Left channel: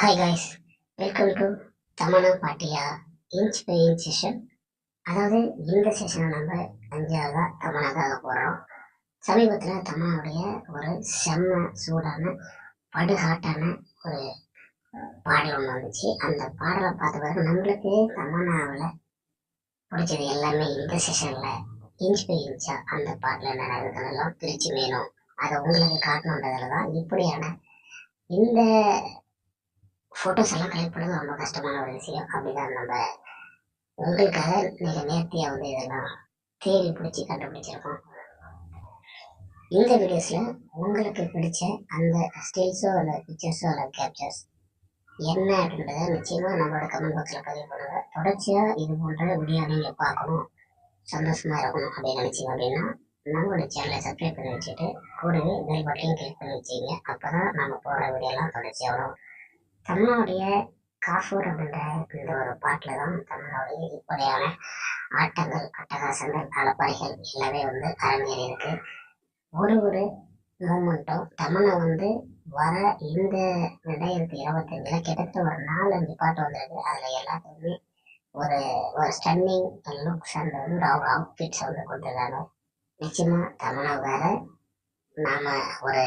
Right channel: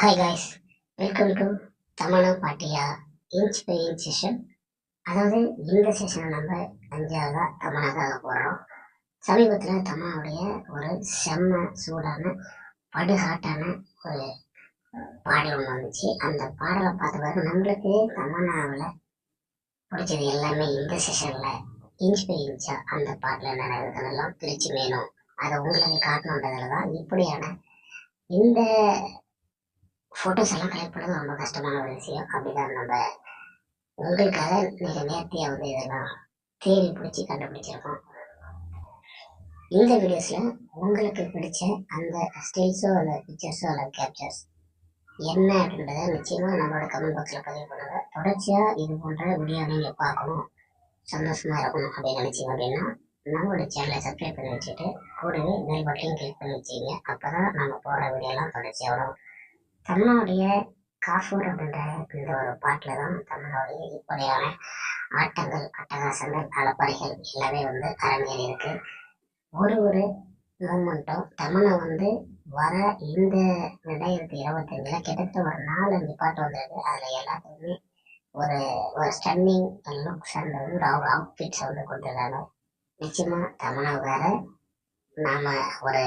Hi guys, welcome to Tamannaah Bhatia inch by inch session. அதாவது இந்த செஷனை நம்ம 5ஆவதா தமனாக்காக போடுறோம். சமீபத்தில் தமனாவுடைய ஒரு செம்ம சூடான படுஹாட்டான ஒரு பாடல் ஒன்று வந்துச்சு. அந்த பாடலை பார்த்த பிறகு நம்மளுக்கு தமனாவில் பிடிச்சது எல்லாமே இந்த செஷனில் இன்ச் பை இன்ச்சா அந்த பாட்டில் என்ன இருக்குதுன்னெல்லாம் பிரித்து வேணும், அதை உங்களுக்கு காட்டணுன்றதில் தான் இப்படியான இந்த ஃபோட்டோஸ் எல்லாம் கலெக்ட் பண்ணது ரொம்ப கஷ்டமான ஒரு விஷயம். அப்படிதான் நம்ம உங்களுக்காக மிக நேர்த்தியாக வந்து இதெல்லாம் தேடி பிடிச்சி கண்டுபிடிச்சிருக்கோம். இந்த வீடியோஸில் உங்களுக்கு பிடிச்ச அந்த ஸ்டில்ஸோ அல்ல பிக்சர்ஸோ அல்ல கேப்சர்ஸ் என்ன அப்படின்றத நிச்சயமாக நம்மளோட கமெண்ட் பாக்ஸில் பதிவு பண்ணுங்கள். தொடர்ச்சியாக இது போன்ற வீடியோ நீங்கள் பார்க்கணும், சந்தோஷமாக இருக்கணும் அப்படின்னு நினச்சிங்க அப்படின்னா நம்மளோட சேனலை சப்ஸ்கிரைப் பண்ணி வச்சுட்டு கூடவே பெல் பட்டனையும் கிளிக் பண்ணி வச்சுக்கிங்க. அப்போ தான் நம்ம போடுற வீடியோலாம் தொடர்ச்சியாக வரும். தமிழனுடைய காஃபூர் அப்படின்ற இந்த ஒரு பாட்டில் தான் தமிழனுடைய இப்படியான ஆட்டங்கள், அட்டகாசங்கள், அலப்பறைகள் எல்லாமே வந்து அரங்கேறி இருக்கு. ஒரு மூமெண்ட்டும் தமிழை வந்து வர இந்த 2025 கிட்டத்தட்ட ஒரு 4-5 பாட்டு வந்திருக்கு. அதில் எல்லாத்துக்குமே ஒரு ஒரு ஸ்டன்னிங் லுக்ஸ் அண்ட் வந்து ஒரு அவுட்ஃபிட்ஸ் வந்து கொடுத்துருக்காங்க. நிச்சயமாக தமிழை வேற நாம் ஒரு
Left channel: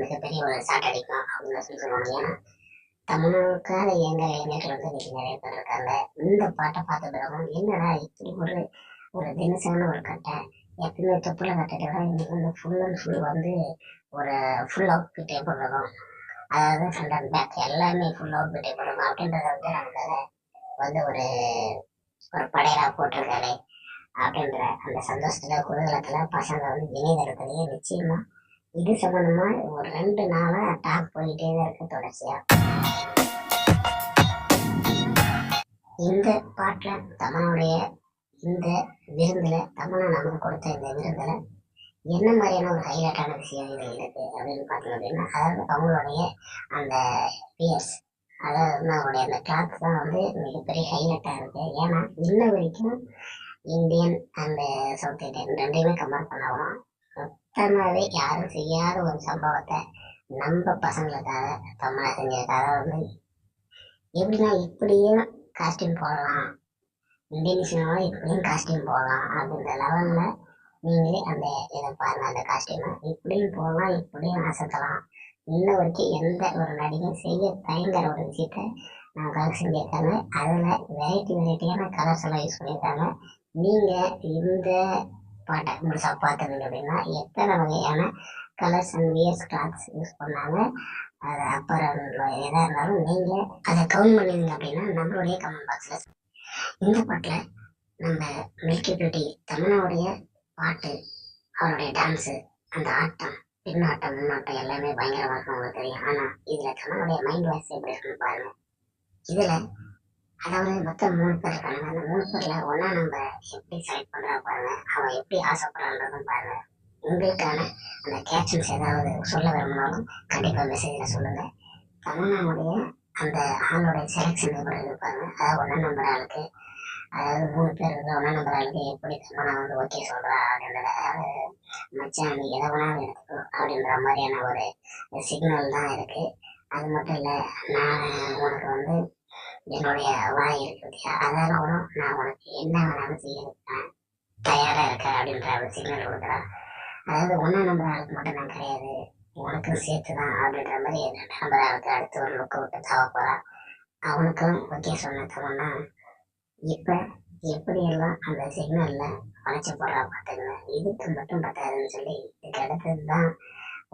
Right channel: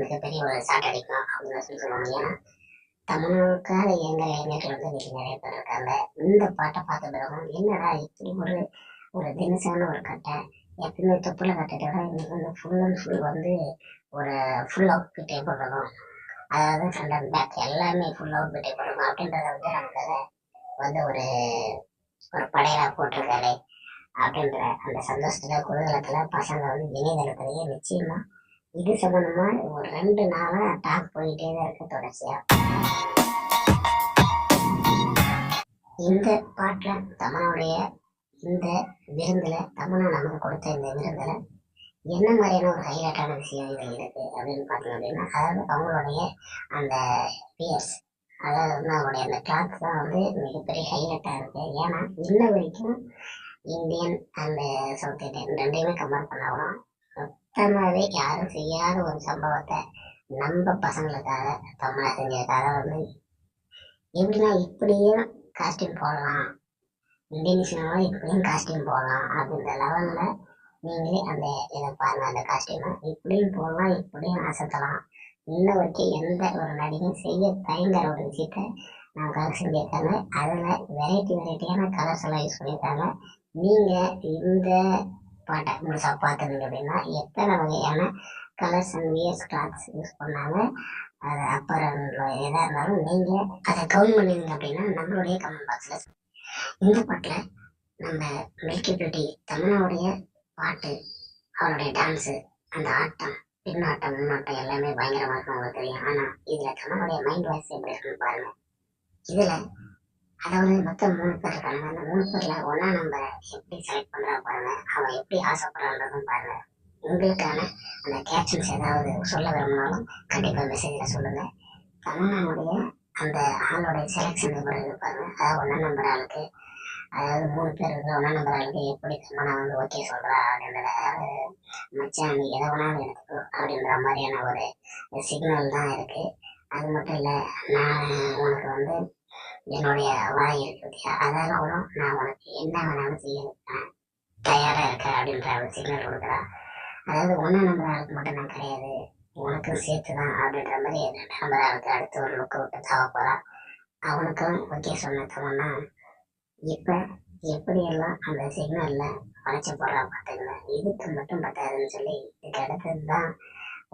மிகப்பெரிய ஒரு சாட் அடிக்கலாம் அப்படின்னு சொல்லி சொல்லுவாங்க. ஏன்னா தமிழுக்காக இயங்குற இளைஞர்கள் வந்து இன்னைக்கு நிறைய பேர் இருக்காங்க. இந்த பாட்டை பார்த்த பிறகும் என்னடா இப்படி ஒரு தினசான ஒரு கட்டை, எப்பயுமே தொப்புல கட்டிட்டு விட இன்னைக்கு வந்து ஃபுல் அண்ட் ஃபுல் வந்து ஒரு ஃபுல் அவுட்ஃபிட்டே போடுறதும், அதாவது ஃப்ரண்ட் அண்ட் பேக் எல்லாமே ஃபுல் அவுட்ஃபிட்டே போடுறோம் அப்படின்றத வந்து நமக்காக வந்து ஒரு ஒரு படையலாக போட்டிருக்காரு அப்படின்ற அந்த சந்தோஷத்துல குதூகலத்துல பசங்க வந்து இணையதளத்திலேயே நிச்சயமா இது சம்பந்தமா ஒரு 2 நாளா டாக் போயிட்டே தான் இருக்கு தொடர்ச்சியா. இந்த பாட்டில் தமனுடைய இந்த விருந்தில் தமனா நமக்கு கொடுத்த இந்த விருந்தில் என்ன மாதிரியான ஒரு ஹைலைட்டான விஷயம் இதில் இருக்குது அப்படின்னு பார்த்தீங்க அப்படின்னா, அதாவது அவங்களுடைய அந்த பியர்ஸ், அதாவது வந்து அவங்களுடைய அந்த கிளாத் தான் வந்து மிகப்பெரிய ஹைலைட்டாக இருக்குது. ஏன்னா இன்ன வரைக்கும் இந்தியன் அண்ட் சவுத் இந்தியன் ரெண்டையுமே கம்பேர் பண்ணாலும் மொத்தமாகவே யாரும் செய்யாத ஒரு சம்பவத்தை நம்ம பசங்களுக்காக தமிழை செஞ்சிருக்காக. வந்து எப்படின்னா இப்படியும் காஸ்டியூம் போடலாம், இந்தியன் சினிமாவில் இப்படியும் காஸ்டியூம் போடலாம் அப்படின்ற லெவலில் நீங்களே அந்த இதை பாருங்கள். அந்த காஸ்டியூமை இப்படியும் போடலாம், இப்படியும் அசத்தலாம். இன்ன வரைக்கும் எந்த ஒரு நடிகையும் செய்ய தயங்குற ஒரு விஷயத்தை நமக்காக செஞ்சுருக்காங்க. அதில் வெரைட்டியான கலர்ஸ் எல்லாம் யூஸ் பண்ணியிருக்காங்க. நீங்கள் இந்த பாட்டை முழுசாக பார்த்துருந்தீங்க அப்படின்னா எத்தனை வகையான colours and wears clothes use பண்ணாங்க, அது அப்புறம் எதாக இருந்தாலும் நீங்கள் அதை கவுண்ட் பண்ணிடுங்க அப்படின்னா நம்மளுடைய கமெண்ட் பாக்ஸில். இந்த பாட்டில் நம்ம மில்கி பியூட்டி தமிழனுடைய பாட்டு, அவளுடைய டான்ஸு, அந்த ஆட்டம், பின்னாட்டம், முன்னாட்டம் எல்லாமே பயங்கரமாக இருக்கும் உங்களுக்கு தெரியும். ஆனால் இதில் தமிழனுடைய மைண்ட் வாய்ஸ் எப்படி இருக்குன்னு பாருங்கள். இதில் அதாவது மொத்தம் 3 பேர் இருக்காங்க. அந்த 3 பேரில் ஒன்றா நம்ம எப்படி செலக்ட் பண்ணுறா பாருங்க, அவன் எப்படி ஆசைப்படுறான்றதும் பாருங்க. உங்களுக்கான அந்த கேப்ஷன்ஸ் ஏதாவது சொல்ல விரும்பினாலும் கண்டிப்பாக மெசேஜில் சொல்லுங்கள். தமிழ்நாடுடைய அந்த ஆளோடைய செலெக்ஷன் எப்படி இருப்பாங்க, அதாவது 1ஆம் நம்பர் ஆளுக்கு, அதாவது 3 பேர் இருக்கிற 1ஆம் நம்பர் ஆளுக்கு எப்படி தமிழை வந்து ஓகே சொல்கிறா அப்படின்றத, அதாவது மச்சான் நீ எதை வேணாலும் எடுத்துக்கோ அப்படின்ற மாதிரியான ஒரு சிக்னல் தான் இருக்குது. அது மட்டும் இல்லை, நான் உனக்கு வந்து என்னுடைய வாய் இருக்கு பற்றியா, அதெல்லாம் கூட நான் உனக்கு என்ன வேணாலும் செய்யறதுக்கு தயாராக இருக்கேன் அப்படின்ற ஒரு சிக்னல் கொடுக்குறான். அதாவது 1ஆம் நம்பர் ஆளுக்கு மட்டும் நான் கிடையாது, உனக்கு சேர்த்து தான் அப்படின்ற மாதிரி 2ஆம் நம்பர் ஆளுக்கு அடுத்து ஒரு லுக்கை விட்டு தாவ போகிறான். அவனுக்கும் ஓகே சொன்னோம்னா இப்போ எப்படியெல்லாம் அந்த சிக்னலில் வளைச்சி போடுறா பார்த்துங்க. இதுக்கு மட்டும் பத்தாதுன்னு சொல்லி இதுக்கு அடுத்தது தான்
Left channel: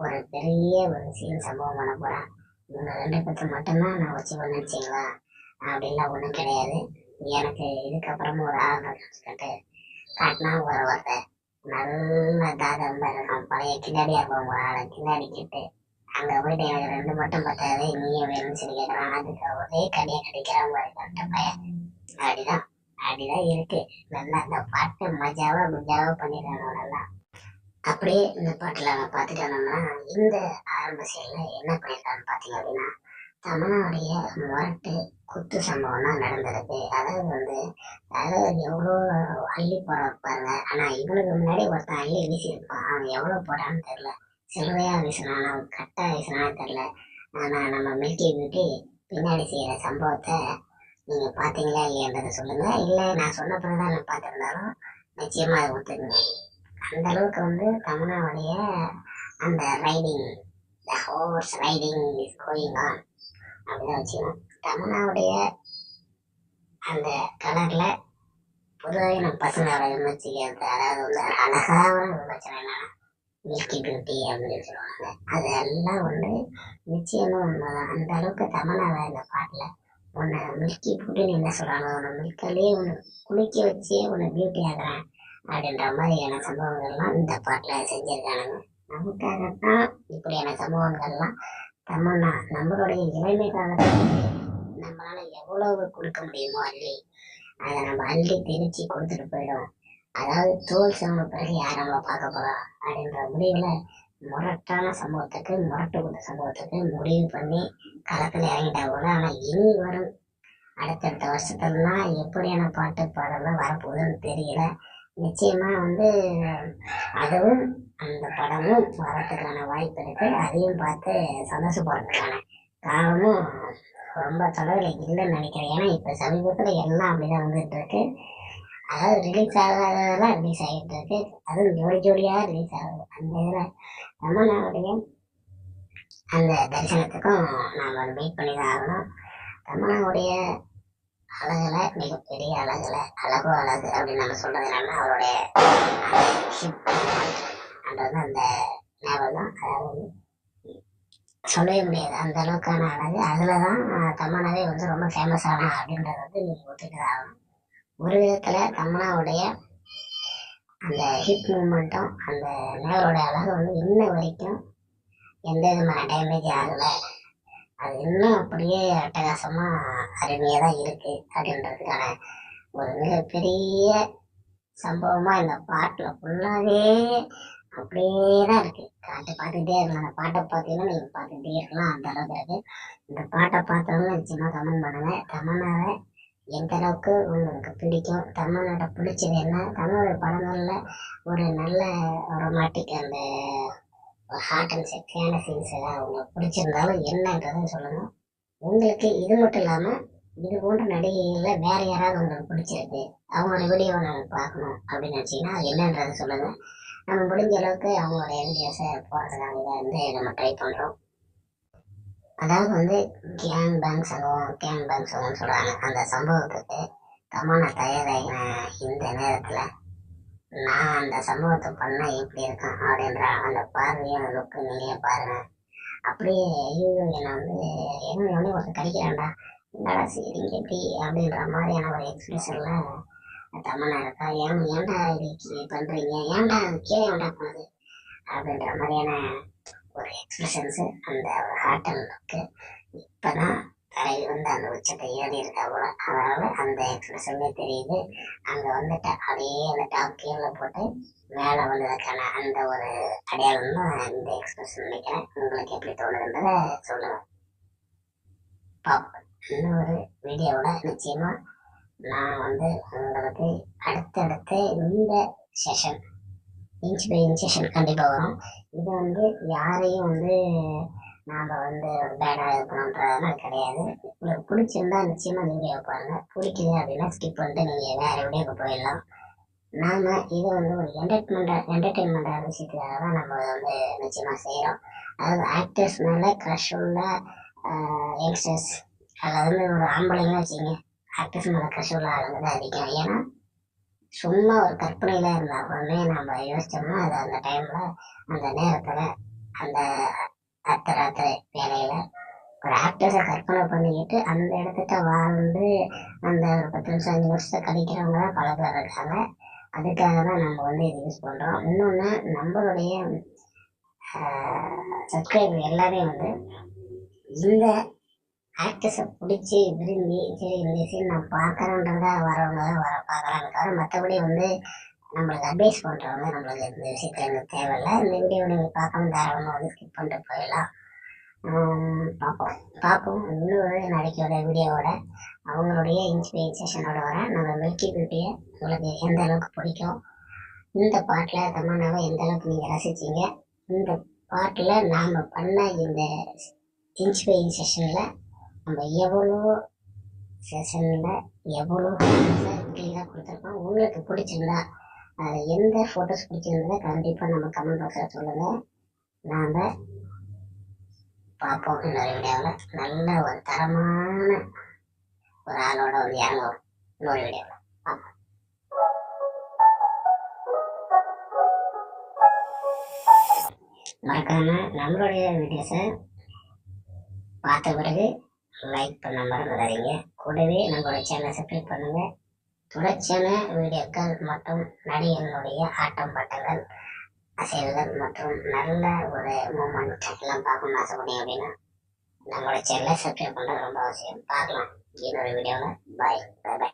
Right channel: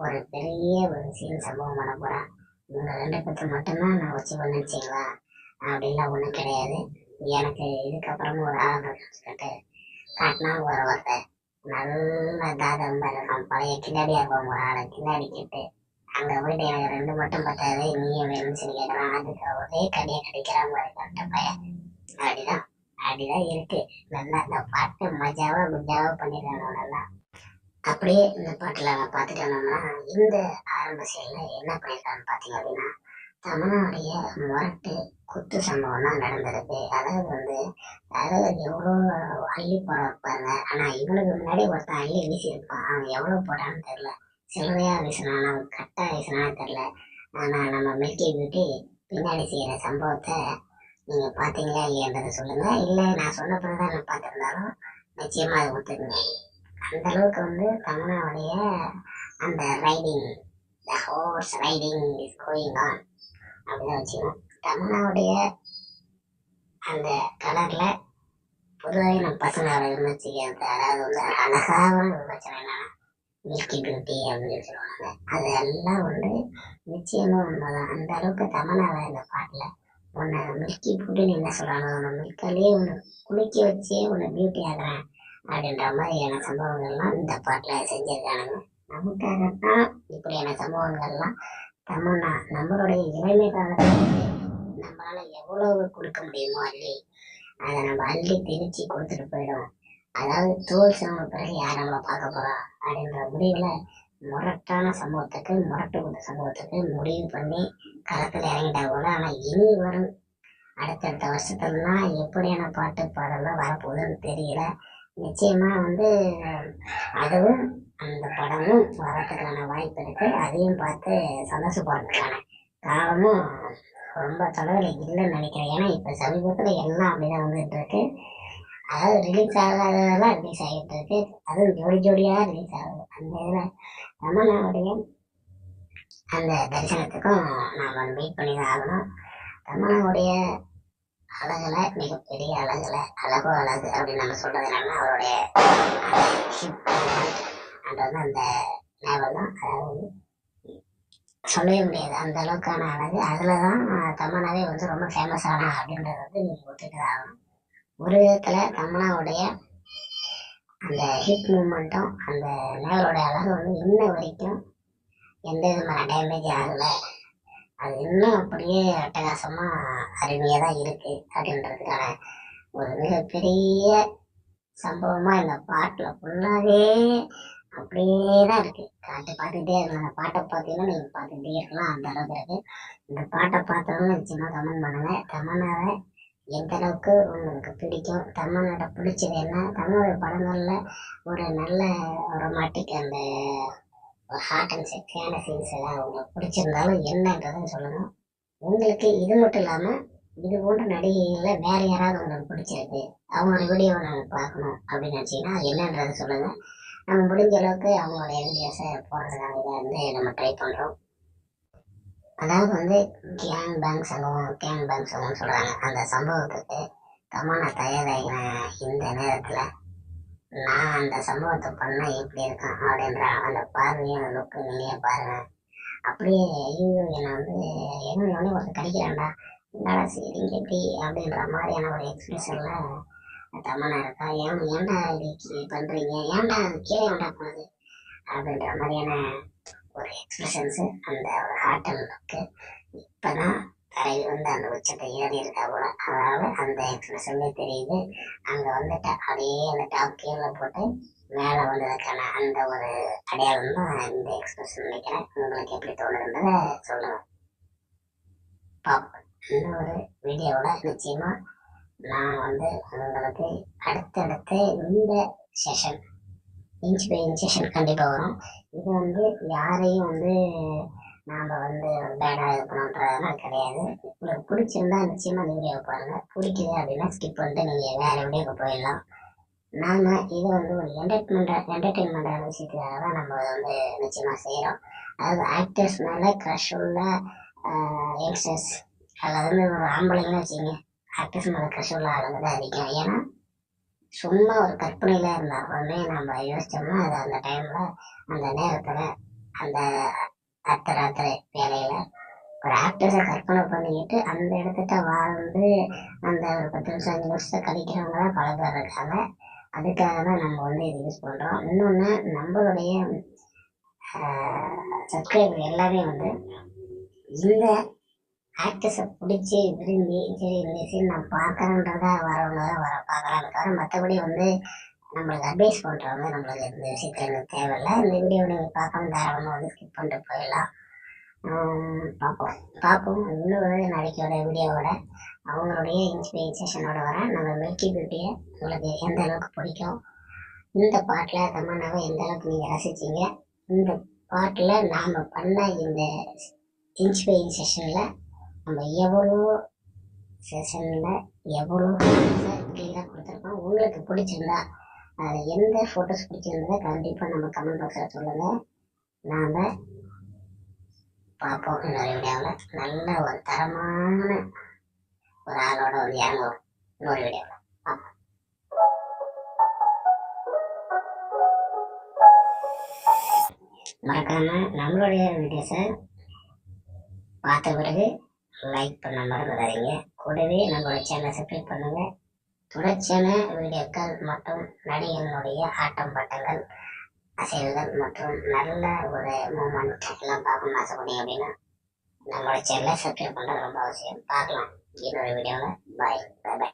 ஒரு பெரிய ஒரு சீன் சம்பவம் பண்ண போகிறான். இவங்க 2 பேர்த்து மட்டும்தான் நான் வச்சு நினச்சிங்களா அப்படின்லாம் ஒன்றும் கிடையாது. எனக்கு இதுக்கப்புறமும் ஒரு ஆர்டர் கட்டு காட்டினா ஒரு ஒருத்தர் நல்ல தாதம் இருக்கான், பழைய கில்லாடியாக இருப்பவங்க ஆளை கில்லாடி கிட்டு அங்கே போயிட்டு எனக்கு 2 மட்டும் பத்தாது நீயும் வேணும்னு சொல்லி கேட்குறான். அதுக்கு ஒரே கடியை கடிக்கிறான் மாதிரி கட்ட பையன். அப்படிதான் இருக்கு. நல்லா இந்த பாட்டு குஜாவா பண்ணிடுறாங்க நல்லா. அப்படியே இந்த பாட்டில் நான் பார்த்துட்டு வந்தோம்னா இந்த ஆரம்ப செயலில் என்ன பண்ணியிருக்கான்னு பார்த்தீங்க அப்படின்னா, தமிழனுடைய முரட்டு குத்து சம்பவம் தான் நடந்திருக்கு. அதாவது எவ்வளோ அள்ளி போட பாருங்க. ஆனால் இவனுக்கு முன்னாடி ஒருத்தன் அள்ளி வீசியிருப்பான், அவன் எவ்வளோ போட்டான்னு தெரில, சில்லறையாக வீசினானா கட்டாக வீசினானு தெரில. ஆனால் நம்ம மில்கி பியூட்டி பின்னாடி செய்கிற சம்பவத்தை நீங்கள் பார்த்தீங்களா இல்லையன்றதை சொல்லுங்கள். இல்லை நான் சொன்ன பிறகு தான் நான் பார்த்துருந்தாலும் நிச்சயமாக அதை ஒத்துக்குங்க. அந்த அளவுக்கு வந்து தமன்னாவுடைய அந்த riding, the horse riding is going on அப்படிதான் வச்சுக்கணும். தமன்னாவுடைய அந்த கலரில் பொதுவாகவே நம்ம பசங்களோட விமர்சிக்கிறது, அதாவது வந்து அழகான விமர்சனம் என்னன்னா மில்கி பியூட்டி அப்படின்னு சொல்லுவாங்க. அதெல்லாம் வந்து நிச்சயமாக உண்மைதான். அந்த அளவுக்கு தமன்னாவை இந்த பாட்டில் உன்னை மில்கி பியூட்டின்னு என்ன சொல்கிறாங்க, உன்னை மில்காலே ஒன்று குளிக்க வச்சே உன்னை பியூட்டி ஆகிறேன் அப்படின்ற மாதிரியான சம்பவங்கள்லாம் இந்த பாட்டில் செஞ்சுருக்கானுங்க. நமக்காகத்தான் இப்படியான சம்பவங்கள்லாம் தமன்னா நம்மளுடைய இளமை காலத்தில் நம்மளால் எவ்வளவு கொடுக்க முடியுமோ அதை நம்ம அள்ளி திணிச்சு கொடுத்துட்டு போயிடும். அதாவது தோல் சிவன பிறகு யார் நம்மளை பார்க்க போகிறா அப்படின்ற முடிவில் முரட்டான சம்பவத்துக்கு, முரட்டு கொடுத்த சம்பவத்துக்கு முடிவு பண்ணி களத்தில் இறங்கிட்டா போல. ஆனால் இனி வரும் அடுத்தடுத்த வருஷத்துலலாம் எப்படியான பாட்டு பாடலாம் வரப்போகுதுன்னு தெரியல. நிச்சயமாக வந்து அதுவும் அந்த படமும் வரத்துக்கான வாய்ப்பு இருக்குது. அதையும் பார்த்து சந்தோஷப்படுறதுக்கான காலமும் ரொம்ப தொலைவில் இல்லைன்னு நினைக்கிறேன். ஏன்னா இப்போ சமீபத்தில் எல்லாம் அப்படி தான் வந்துட்டு இருக்கு. அதாவது ரிலீஸ் ஆகாததெல்லாம் ரிலீஸ் ஆகிட்டு இருக்கு, அதுவும் ஜோடி ஜோடியாக ரிலீஸ் ஆகுது. அந்த இதில் தமன்னாவுடைய அந்த தரிசனத்துக்கும் நாம் வெயிட் பண்ணி தான் ஆகணும். தமன்னாவுடைய அழகுல மிகப்பெரிய அழகுல அழகோ அழகு அப்படின்னு நம்ம சொல்கிறது என்னன்னா அவருடைய அந்த அந்த ஞாபகம் தான். அதாவது சொல்லவே முடியாது அந்த அளவுக்கான அழகு. அதில் தான் தமன்னாவே வந்து ரொம்ப ஃபேமஸ் ஆனா அப்படின்றது வந்து நீங்கள் ஒத்துட்டு தான் ஆகணும். ஒரு விதத்தில் தமன்னாவுடைய அந்த ஹிப் மூமெண்ட்டும் அந்த நேவரோட அழகு வந்து இன்ன வரைக்கும் எந்த விதமான டேமேஜ் ஆகலை. அது இன்னும் அப்படியே அட்டகாசமாக அருமையாக தான் இருக்குது அப்படின்றதுக்கான ஒரு மிகப்பெரிய சம்பவமாக இந்த பாட்டில் ஃபுல்லாகவே அப்படியே தான் இருக்குது. பார்த்துக்கிட்டே இருக்கலாம். அந்த பாட்டை பார்த்தீங்கன்னா நீங்கள் பார்த்துக்கிட்டே இருக்கலாம், அந்த அளவுக்கு இருக்குது. இந்த பாட்டை பார்த்தவங்க நிச்சயமாக கமெண்ட் பண்ணுங்கள். தமன்னாவை எந்த அளவுக்கு உங்களுக்கு பிடிக்கும், தமன்னாட்ட பிடிச்சது என்ன, தமன்னோட படங்களில் ஒரு நல்ல ரொமாட்டிக் அந்த ஒரு ஹார்ட் அண்ட் செக்ஸியான சீன்ஸ் எல்லாம் உங்களுக்கு பிடிச்சிருந்தாலும் என்னன்றதுன்னு சொல்லுங்கள். உங்களுக்கு இது மட்டும் இல்லாமல் இது போன்ற நடிகைகளில் வேறு யாராவது உங்களுக்கு பிடிச்சிருக்கு, அவங்களோட வீடியோவை நாங்கள் பார்க்கணும் அப்படின்னு நினச்சிங்கன்னா அது என்னன்றதை சொல்லுங்கள். நம்ம முடிஞ்ச அளவுக்கு அவங்களுடைய வீடியோஸை போடுறதுக்காக இதை வந்து நம்ம ட்ரை பண்ணுறோம். அதாவது வந்து கேங் பேங் சம்பவம்னு சொல்கிறாங்க. அந்த சம்பவத்துக்கு தமன்னா தயாராகின இந்த நேரத்தில் நான் அந்த சம்பவத்தை பண்ணால் எப்படி இருக்கேன் அப்படின்ற அந்த பார்வையான லுக்கு நீங்களே பாருங்கள். அப்படியே ஐயோ என்னை வந்து என்ன ஒருத்தர் கடிக்கிறான்டா, என்னடா சரிங்க எப்படி அப்படின்ற மாதிரியான ஒரு எக்ஸ்பிரஷனில் தமன்னா இருக்கா. ஏன்டா இது பண்ணுறீங்க, ஏன்டா கீழே ஏன்டா போனது அப்படின்ற மாதிரியான ஒரு எக்ஸ்பிரஷன்ஸு, அந்த ஒரு ஹார்ட் அண்ட் லுக்கு இப்போ தான் தலைவி வந்து அந்த உச்சத்தை ஏறி இருக்கா போல. அதனால் அந்த எக்ஸ்பிரஷன்லேயே தெரியுது. அங்கே வந்துட்டு அப்படியே அந்த டாப் கீழே போட்டு மேலே வந்ததுக்கான அந்த ஒரு அடையாளம் தான் இந்த எக்ஸ்பிரஷன் நினைக்கிறேன். உங்களுக்கு எப்படி தோணுதுன்றதை சொல்லுங்கள். பார்ப்போம். இன்னொரு வீடியோவில் நிச்சயமாக நான் வந்து உங்களுக்கு அடுத்தடுத்து இந்த session inch by inch session கண்டிப்பாக வரும். இது வந்து யாரையும் வந்து நாம் வந்து ஒரு பேடாக இது பண்ணணுன்றதுலாம் கிடையாது. உங்களுக்கு பிடிச்சிருந்தா நிச்சயமாக அந்த வீடியோவை பாருங்கள். பிடிக்குது அப்படின்னா ஸ்கிப் பண்ணிட்டு நீங்கள் வேறு வீடியோவுக்கு போயிடலாம். நாம் இதை வந்து ஒரு என்டர்டெயின்மெண்ட்டான விஷயத்துக்காக தான் நம்ம வந்து நிச்சயமாக செய்கிறோம். அதாவது ஆக்டர்ஸ் மேலே க்ரஷ் உள்ள யங்ஸ்டர்ஸ், அதில் வந்து ஒரு ஆம்பளைங்கன்னு வச்சுங்க, ஆக்டர்ஸ் மேலே க்ரஷ் உள்ள ஆளுங்க தான் அதிகம். ஏன்னா சும்மா ஒரு கற்பனையில் இருந்தாலுமே நம்ம யோசித்தோம்னா அது அந்த டைமில் அந்த நேரத்தில் அந்த அர்த்தராத்திரி வேலையில் ஒரு ஆக்டர்ஸை கற்பனை பண்ணிக்கிட்டு அந்த இடத்துட்ட வாழ்ந்து அந்த ஒரு 10 நிமிஷம் 5 வருஷத்தை கழிக்கிறவங்க தான் பல பேர் இருக்காங்க. அதுக்காக தான் நம்ம வந்து இது யூஸ் பண்ணுறோம். இன்னொன்று, நம்மளுடைய சப்ஸ்கிரைபர் எல்லாமே வந்து இந்த ஆக்டர்ஸை பிடிச்சி விரும்பி சரி இந்த சீன் நான் பார்க்குறேன்றதா வரவங்க தான் பார்க்குறாங்க தவிர மற்றபடி வந்து நம்மளுக்கு அட்வைஸ் பண்ணுறவங்க நம்மளுக்கு இந்த விஷயத்தில் எனக்கு தேவையில்லை. இந்த வீடியோவை நீங்கள் பார்க்காம தாராளமாக வந்து ஸ்கிப் பண்ணிட்டு போயிடலாம். பார்ப்போம் இன்னொரு நாளைக்கோட வீடியோவோட அவங்களுடைய இன்ஸ்பிரேஷனோட வரேன். நம்ம மில்கி பியூட்டியை உங்களுக்கு எந்த அளவுக்கு பிடிக்கும், இந்த பாட்டில் தமன்னாவை எந்த அளவுக்கு நீங்கள் ரசிச்சிங்க, இந்த பாட்டில் நாம் பண்ண இந்த இன்ச் பை இன்ச் செஷனில் நம்ம எவ்வளோ செஷனில் எவ்வளோ கிளியராக கொடுத்துருக்கோம். உங்களுக்கு பிடிச்சிருந்தா அதில் எந்த ஃபோட்டோஸ் பிடிச்சிருந்ததை கண்டிப்பாக நம்ம கமெண்ட் பாக்ஸில் சொல்லுங்கள். நாம் பார்ப்போம் இன்னொரு வீடியோவில். நல்ல ஒரு தரமான ஒரு ஆளோட வந்து இறங்குவோம் இன்னொரு வீடியோவில். மறக்காம நம்மளுடைய வீடியோஸை பார்த்த பிறகு லைக் பண்ண மறந்துடாதீங்க. கூடவே நம்மளுடைய சேனலை சப்ஸ்கிரைப் பண்ணுங்க. தொடர்ச்சியான வீடியோக்கள் மற்றும் நடிகர்களுடைய ஆட்டம் பாட்டங்கள், அசைவுகள் மற்றும் நல்ல ஒரு மூமெண்ட் எல்லாம் பார்க்கணும்னு ஆசைப்பட்டீங்க அப்படின்னா நம்மளோட சேனலை சப்ஸ்கிரைப் பண்ணுறது ரொம்ப அவசியம். பார்க்கலாம் இன்னொரு வீடியோவில். பாய் பாய் பாய்.